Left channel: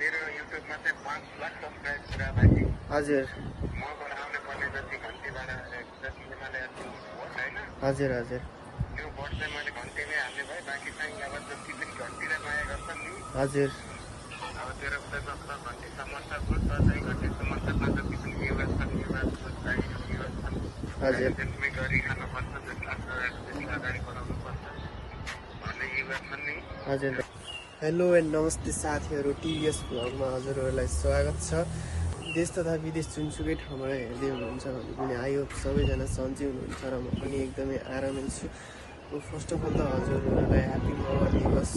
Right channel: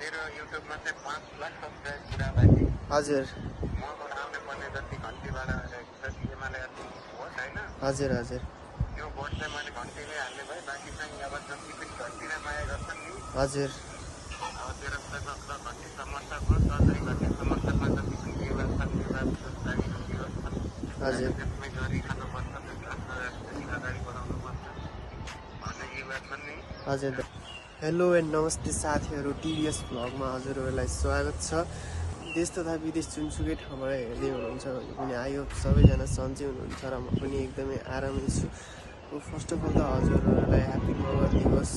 तेरो युट्युबमा चाहिँ 5 लाख सब्स्क्राइब पुरा बाँकी। हजुर मबाट आउने पर्ने जति घन्टीबाट जति एमाले भोट होइन हजुर हजुर त्यो भोट चाहिँ मैले घन्टीले हाल्ने भए बाँकी चाहिँ अब जति पनि घन्टीलाई माया गर्छन् नि हजुर अब तेरो उता घन्टी समर्थक हो तर चाहिँ घन्टी समर्थकमा जति पनि युवा छन् युवा छन् हजुर त्यसमै गरिखानुपर्छ त्यसलाई अगाडि बढाउनुपर्छ भन्ने युवा छन् नि। हजुर हेलो एन्ड नमस्ते साथीहरू, टिभीएस भ्लगमा हजुरहरूलाई स्वागत छ। देश तथा विदेश जुनसुकै ठाउँमा हेर्दै हुनुहुन्छ भने पनि आयो सबैजना सन्चै हुनुहुन्छ र म पनि एकदमै आरामै छु। फर्स्ट अफ अल त हजुरहरूलाई ह्याप्पी मगर दिवस।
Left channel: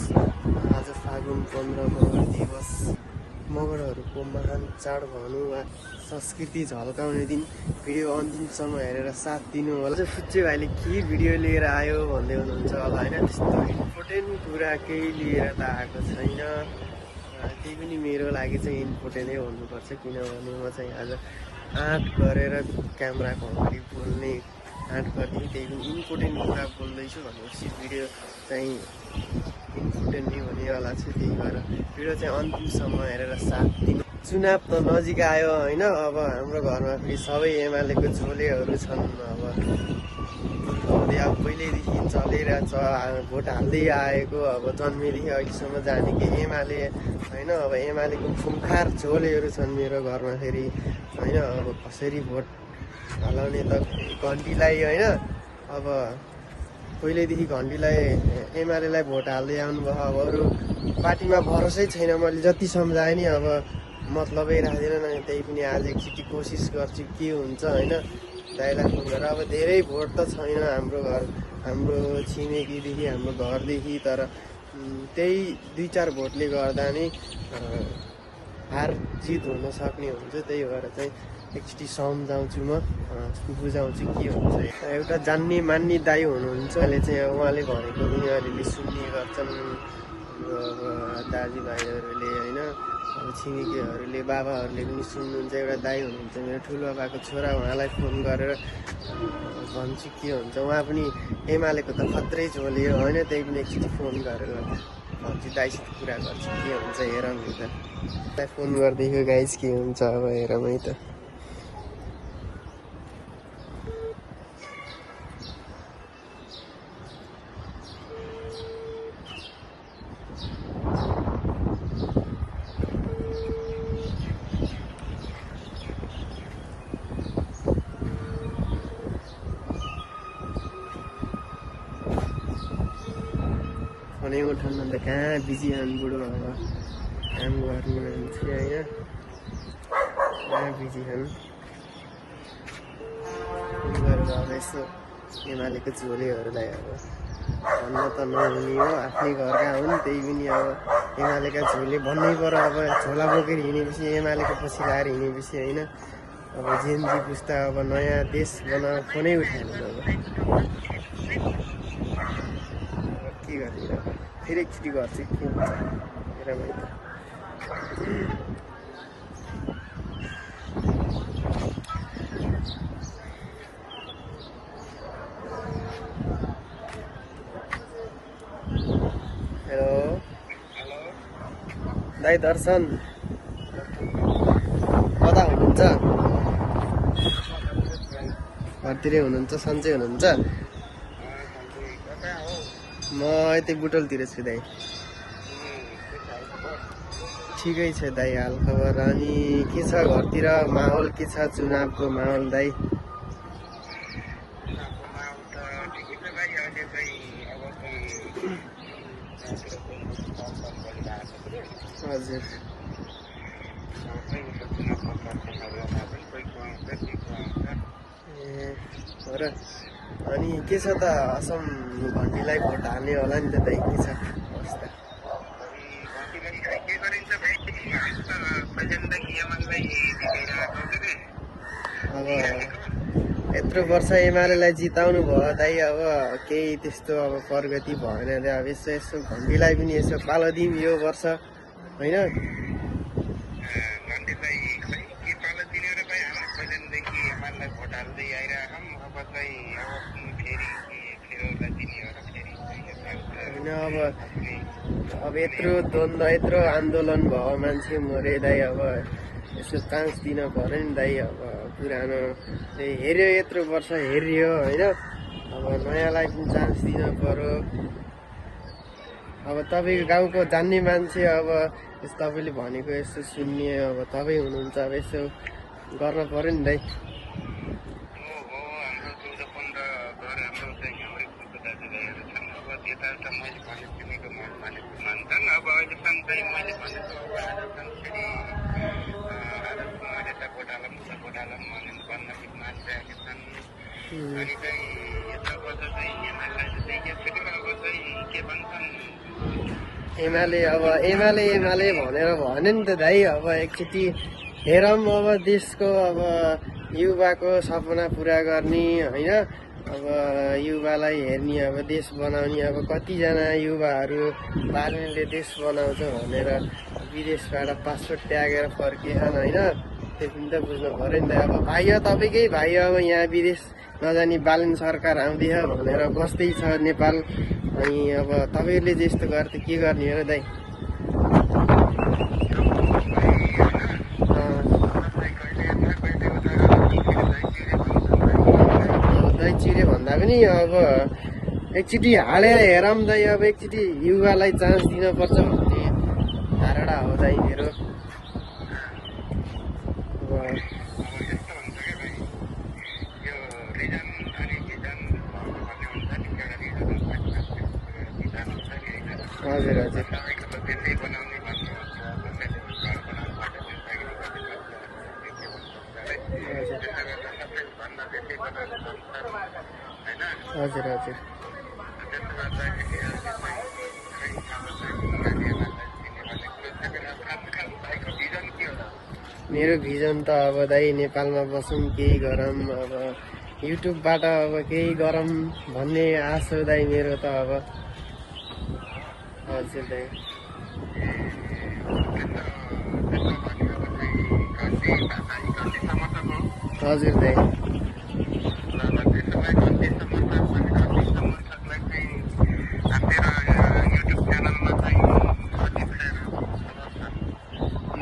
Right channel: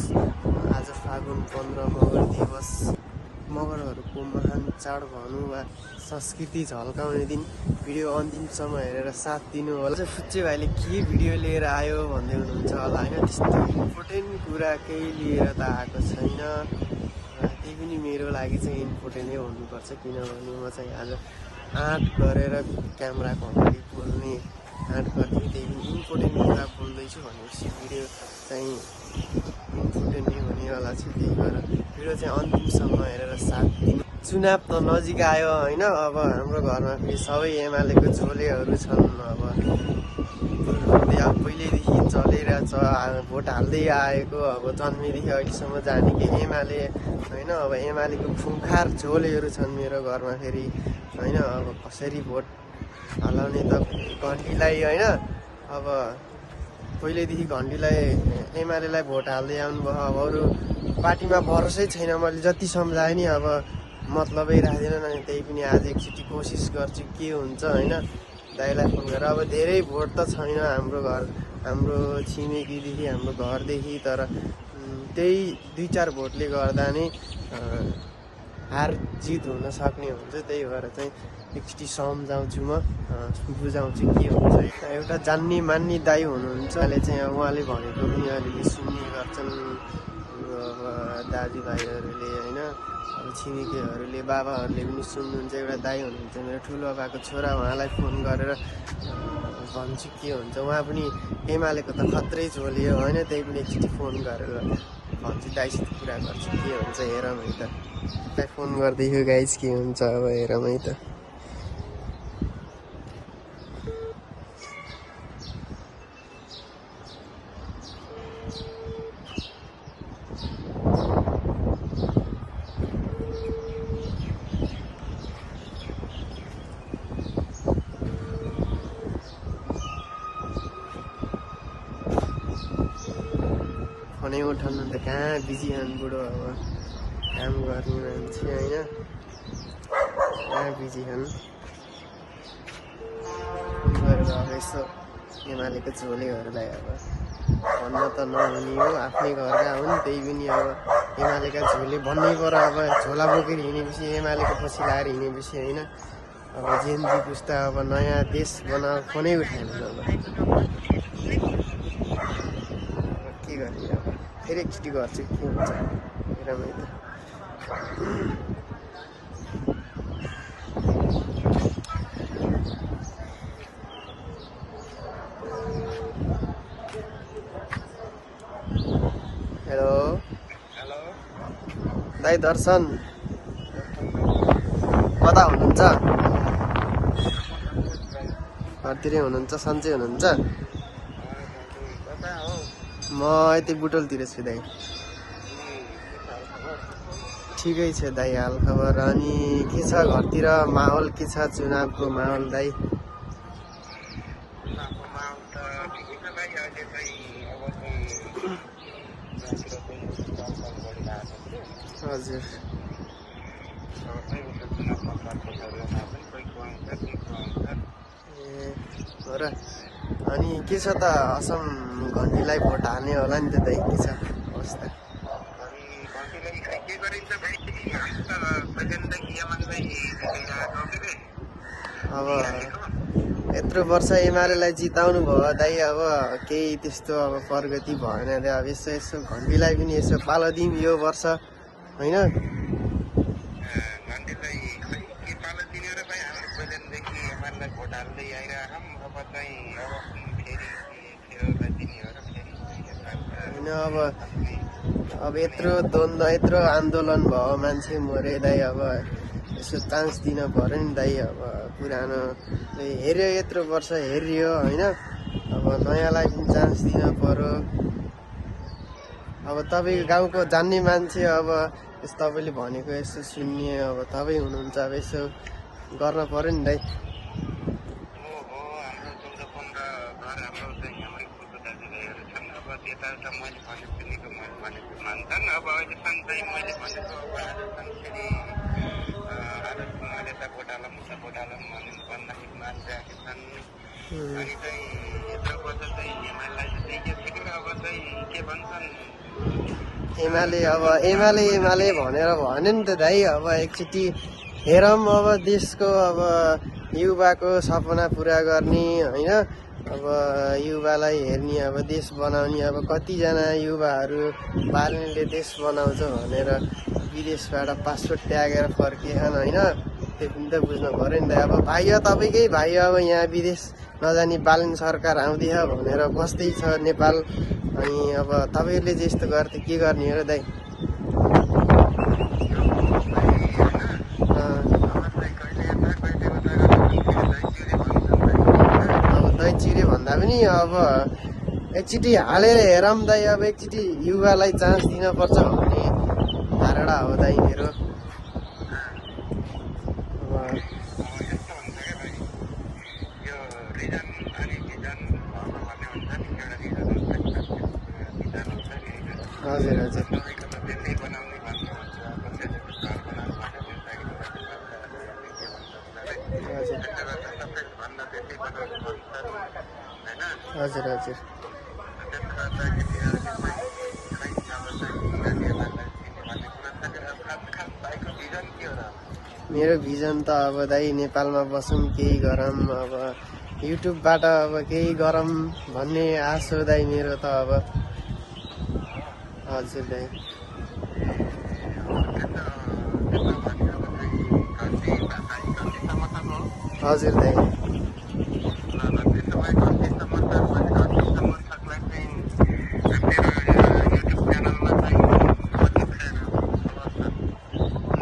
आज फागुन 15 मगर दिवस, मगरहरूको महान चाड भनौँ वा संस्कृति झल्काउने दिन। भिडियो अन्तिमसम्म हेरेर साथ दिनु होला। फुच्चे भाइले के भिडियो लिएर आयो भन्दै हुनुहुन्छ होला होइन, त्यस्तो इम्पोर्टेन्ट कुरा केही लिएर त आएको छैन। त्यही पनि मेरो लागि चाहिँ इम्पोर्टेन्टै भन्नुपर्छ, किनभने म चाहिँ आज आँट गरेर क्यामेराको अगाडि बोल्ने आँट गर्दै, त्यही पनि इम्पोर्टेन्ट कुरा बोल्दैछु भनेपछि भिडियो चाहिँ इम्पोर्टेन्ट नै हुनेवाला छु। त्यही भएर भिडियो चाहिँ अन्तिमसम्म हेरेर साथ दिनु। चुनाव त नजिक आयो होइन, अब हाम्रो घरमा फेरि सबै एमालेको झोलेहरू छन्। अब पहिल्यैदेखि चलिरहेछ, भोट हाल्दै आएको, अब जन्मेदेखि अहिलेसम्म जानेकै एमाले होइन। अब एमालेको खुङ्खार झोलेहरू छन् मेरो घरमा फेरि होइन। अब कसरी भोट हलाउने त घन्टीलाई होइन। अब पहिल्यैदेखि घन्टीलाई एमालेलाई भोट हाल्दै आउनुभयो। अब अरू पार्टीमा भरोसै छैन, मैले जति सम्झाएँ नि अब मतलबै राख्दैन। त्यही पनि आज एकचोटि कोसिस गर्छु के हुन्छ होइन। दाइलाई फोन गरेर अब धेरै भोट त छैन हाम्रो छिमेकीदेखि हाम्रो घरदेखि, तर त्यही 2-4 भोटले गर्दा नै हार जित हुन सक्ने हुन्छ। त्यही भएर चाहिँ एकचोटि सम्झाउँछु, म बुझाउँछु के हुन्छ। एउटा जान्ने मान्ने दाइ हुनुहुन्छ, अहिले चाहिँ उहाँले भनेको पनि अलिअलि सुन्ने गर्छन् हाम्रो अब दाजुभाइहरूले होइन। अब छिमेकीहरूले बाबाहरूले पनि सुन्नुहुन्छ। एउटा दाइ हुनुहुन्छ मेरो ठुलो बाबाको छोरा, उहाँलाई फोन गरेर भन्छु के हुन्छ। उहाँ पनि एमालेको त खत्रै झोली हो होइन। त्यही पनि एकचोटि फोन गरेर भन्छु, दाइसित कुरा गर्छु के हुन्छ हेरौँ है त। फोन गर्दैछु गाइस, के हुन्छ अब हेरौँ है त। फोनै उठाउन त कहाँ बिजी हुनु बुढो, अब काम गर्ने मान्छे होइन, कहाँ बिजी हुन्। त्यही भएर अब यसो एमालेको झोलीहरूलाई अब भन्न त नहुने हो, आफ्नै घरका हुन्। त्यही पनि अब एमालेका झोले भन्नै पर्यो। अब झोला बोकेर हिँडेपछि एमालेको पछि लाएर हिँडेपछि होइन। अब जेनजी पुस्ता अब नयाँ देश बनाएर फोनै उठाएन। अब के गर्ने, फेरि एकचोटि गर्छु के हुन्छ हेर भाइ त। हेलो दाइ दर्शन, कता हुनुहुन्छ? घरतिरै हुनुहुन्छ, सन्चै हुनुहुन्छ? म यतै बुटोलतिर छु दाइ। ठिकै छ दाइ हाल खबर। अनि के छ घरतिर माहौल, के छ चुनावको माहौल दाइ? हजुर ए हो र। अनि के छ त असम घन्टीलाई भोट हाल्ने होला नि त दाइ, के छ अवस्था? अब यत्रो वर्ष एमालेलाई जिताउनु भयो दाइ, अब केही त्यस्तो अब प्रगति भएन रे। अब यसो घन्टीलाई पनि यसो पालो दिउँ यो वर्ष होइन। घन्टीलाई खै के पालो दिने र भाइ, हामीले पहिलादेखि एमालेलाई भोट हाल्दै आइरहेछौँ। अब चाहिँ अब फेरि फेरि दिने हो र फेरि होइन अब यत्रो द्वन्द्व यत्रो आन्दोलन भयो मान्छे मरे दाइ अब यसो चान्स दिन पर्यो नि दाइ अब पुरानोले हेऱ्यो यत्रो वर्ष हेरियो होइन अब नयाँलाई पनि चान्स दिन पर्यो अब तपाईँको गाउँको जान्ने मान्छे अब तपाईँले भनेको यसो सुन्ने अब तपाईँ हुनुहुन्छ अब यसो गर्न पर्यो नि दाइ मान्छन् अब अहिलेसम्म चाहिँ मैले भनेको अब आजसम्म फेरि मैले त भोट हालौँ भनेको भन्दाखेरि मानिरहेका छन् अनि चाहिँ यत्रो वर्ष चाहिँ एमालेलाई देखिसक्यो अब चाहिँ के भन्छन् एमाले भनेर भन्यो नि त दाइ अब एकचोटि हेरौँ अब देशको अब युवाको सपना पुरा गर्ने होइन अब युवालाई हेर्ने अब देश बनाउने अब कतिजना युवाहरू बाल्नेले देश बनाउँछ भनेर विदेशबाट पासपोर्ट त्यागेर फर्किएछन् होइन त्यो पनि त बुझ्नु पऱ्यो नि त अब भाइ तपाईँकै भाइ अब यहाँ विदेश नजानी बालन सरकार आउँदैछ भनेर बस्दैछ नेपाल अनि अब तपाईँले चाहिँ यस्तो गर्दा के गर्ने हो दाइ चिरे भन्दा पनि अब एकचोटि हालेर हेरौँ दाइ अब एकचोटि युवालाई चान्स दिनुपर्छ भन्ने धारणा हो दाइ मेरो हजुर हजुर हजुर हजुर मेरो भिजन त अब दाइ नेपालमा बसौँ केही गरौँ अब युट्युबबाट अब केही गरौँ भन्ने आश हो दाइ मेरो त अब हजुर दाइ हजुर दाइ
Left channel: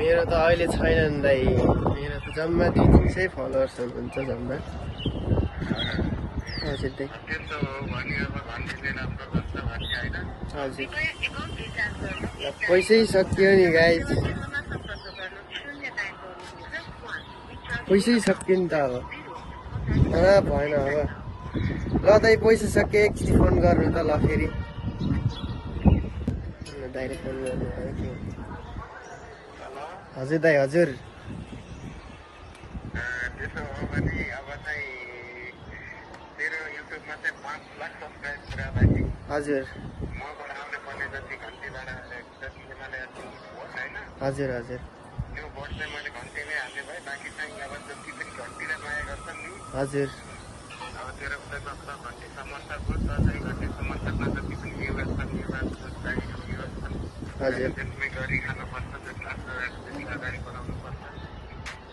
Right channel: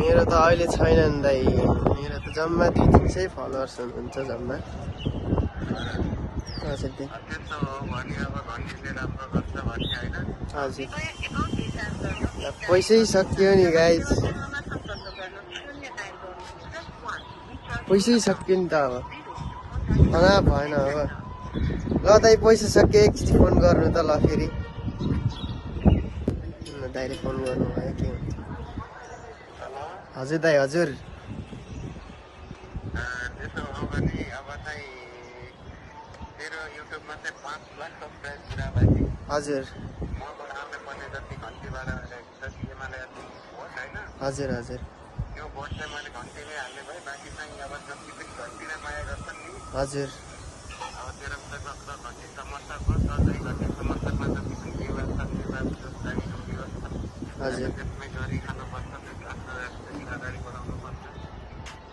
मेरो त अहिले छैन नि दाइ मेरो त जम्मा 200 फलोवर्स हुनुहुन्छ जम्मा हजुर दाइ हजुर पैसै सक्यो नि गाइस पैसै सक्यो नि त अब भएन अब ल दाइ पैसा सक्यो एकचोटि फोन गर्नु त ल फेरि दाइले फोन गर्नुभयो त्यो हजुर दाइ हजुर त्यसो हो भने अब चाहिँ तेरो युट्युबमा चाहिँ 5 लाख सब्सक्राइब पुरा भएपछि हजुर मबाट आउने पर्ने जति घन्टीबाट जति एमाले भोट होइन हजुर हजुर त्यो भोट चाहिँ मैले घन्टीले हाल्ने भए बाँकी चाहिँ अब जति पनि घन्टीलाई माया गर्छन् नि हजुर अब तेरो उता गएको घन्टी समर्थक हो तर चाहिँ घन्टी समर्थकमा जति पनि युवा छन् हजुर त्यसमै गरी खानुपर्छ त्यसलाई अगाडि बढाउनु पर्छ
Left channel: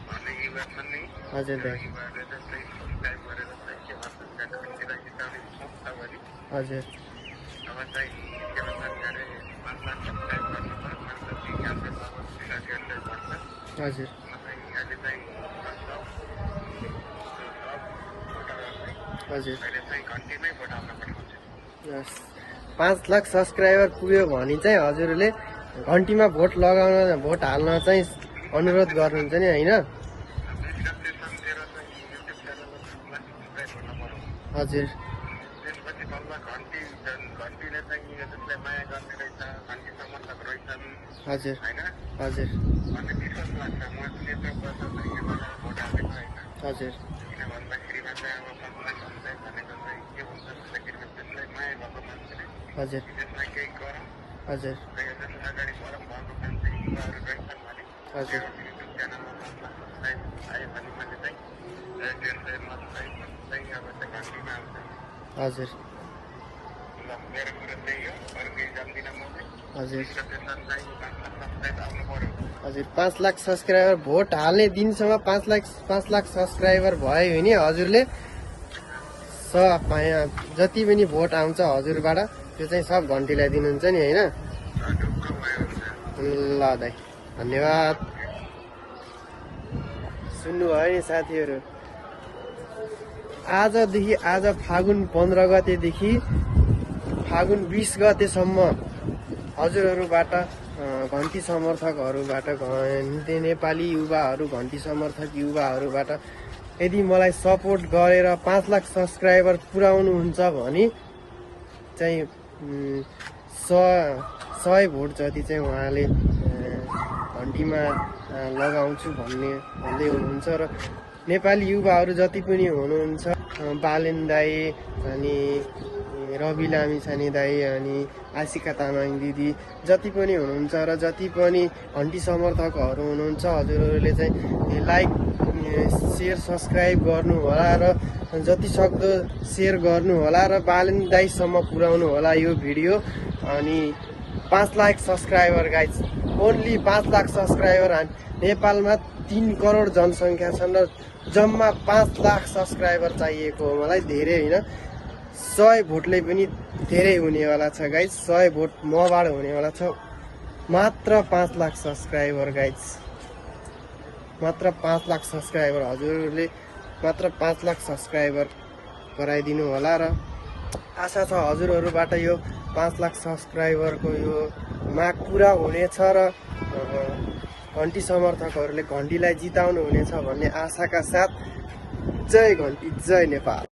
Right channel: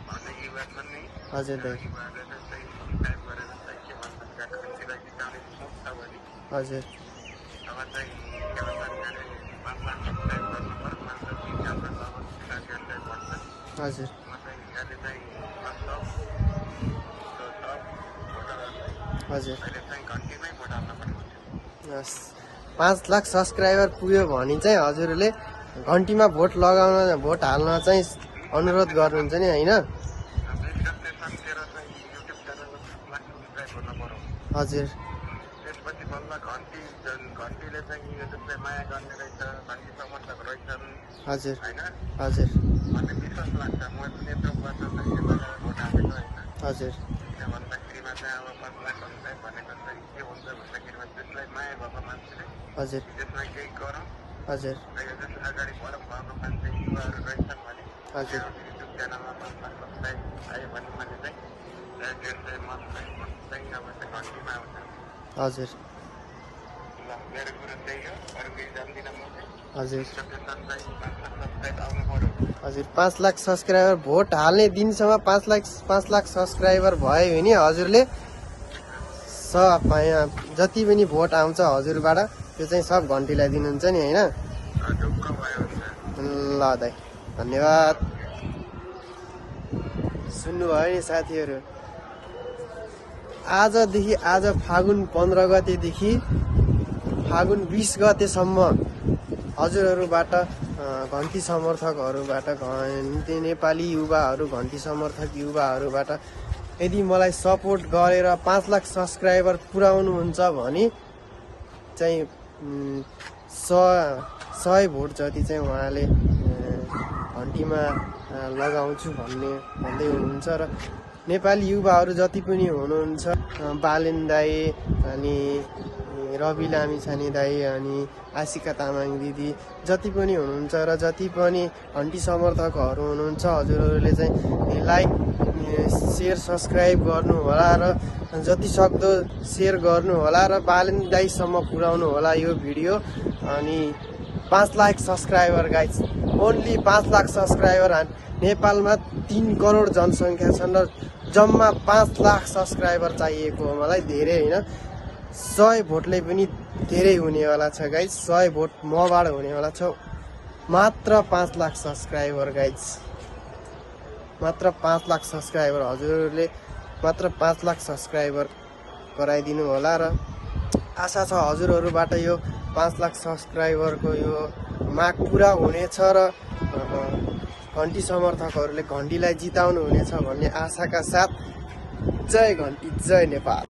भन्ने युवा छन् नि हजुर दाइ युवाहरूले चाहिँ सब्सक्राइब गरेर चाहिँ के भन्छन् घन्टीलाई जिताउने सोच छ भने हजुर अब चाहिँ के भन्छन् अरे 5 लाख सब्सक्राइब गर्नु पर्यो मात्र हाम्रो अब साथीहरूलाई भन्छ हजुर म चाहिँ अहिले चाहिँ सब भोटरहरूलाई हजुर अहिले चाहिँ घन्टीमै भोट हाल्न पठाउँछु 5 लाख सब्सक्राइबर पुग्यो भने चाहिँ हजुरले घन्टीमा भोट लगाउन भोट हाल्न चाहिँ अनुरोध गर्नुहुन्छ नि होइन हजुर त्यसपछि बल्ल घन्टीले चाहिँ त्यसलाई माया गर्ने रहेछ घन्टी समर्थक रहेछन् हजुर होइन हजुर भन्ने विश्वास लाग्छ म पनि यत्रो वर्ष चाहिँ एमालेलाई भोट हालेको होइन हजुर किन भन्दाखेरिमा चाहिँ अब 5 लाख सब्सक्राइब भनेको चाहिँ के हुन्छ भन्दाखेरिमा त्यसलाई माया भएको मान्छेले हजुर त्यसलाई केही गरौँ हजुर र यो जस्तो अगाडि बढौँ भएको मान्छे युवाहरू रहेछन् भने हजुर युट्युब च्यानलमा 5 लाख सब्सक्राइब आयो भने मैले चाहिँ त्यसलाई मत चाहिँ भोट चाहिँ अब चाहिँ घन्टीमा आउँछ हजुर ल मेरो कुरो त्यही हो अरू केही जान्दिनँ मैले हजुर त्यसमा चाहिँ 5 लाख सब्सक्राइब आउनु पर्यो हजुर 5 लाख सब्सक्राइबर भोट हाल्ने दिनसम्म 5 लाख सब्सक्राइबर भयो भने हजुरले जति पनि भोट आउँछ हजुरबाट त्यो चाहिँ सब घन्टीलाई दिनुहुन्छ नि होइन? ढुक्क भयो हुन्छ। ल दाइ धन्यवाद। सुन्नुभयो नि साथीहरू, आजदेखि आज फागुन 15 गतेदेखि फागुन 20 गतेसम्म हजुरहरूबाट घन्टी समर्थकहरूबाट नेपाली युवाहरू घन्टी समर्थक युवाहरूबाट यदि मलाई सपोर्ट गरेर 5 लाख सब्सक्राइबर पुर्याउनुहुन्छ भने चाहिँ 100 भोट जति चाहिँ उहाँले घन्टीमा लगाउँछु भन्दै हुनुहुन्छ। र नेपाली युवाहरू जति पनि हुनुहुन्छ, बालेन दाई अनि रवि लामिछाने दाई अनि आशिका तामाङ दिदी जति पनि हुनुहुन्छ र जति पनि घन्टी समर्थकहरू हुनुहुन्छ, हजुरहरूले चाहिँ लाइक सेयर सब्सक्राइब गर्नु होला र जति सक्दो सेयर गर्नु होला र बालेन दाईसम्म पुर्याउनु होला यो भिडियो। अनि 5 lakh subscriber guys, only 5 lakh subscriber. नेपालमा 3 करोड जनसङ्ख्या छन् र जम्मा 5 लाख सब्सक्राइबर चाहिएको हो मलाई, धेरै होइन। 100 भोटले पनि धेरै हुनेवाला छ गाइज, 100 भोट मबाट हुनेवाला छ। मात्र 5 लाख सब्सक्राइबर गाइज, मात्र 5 लाख सब्सक्राइबर। हजुरहरूले मात्र 5 लाख सब्सक्राइबर गराइदिनु होला र आशा छ हजुरहरूबाट यो 5 लाख सब्सक्राइबरको यो माग पुरा हुनेछ र घन्टी समर्थकहरूले घन्टीलाई जिताउनु हुनेछ भन्ने आशाका साथ जय घन्टी, जय नेपाल।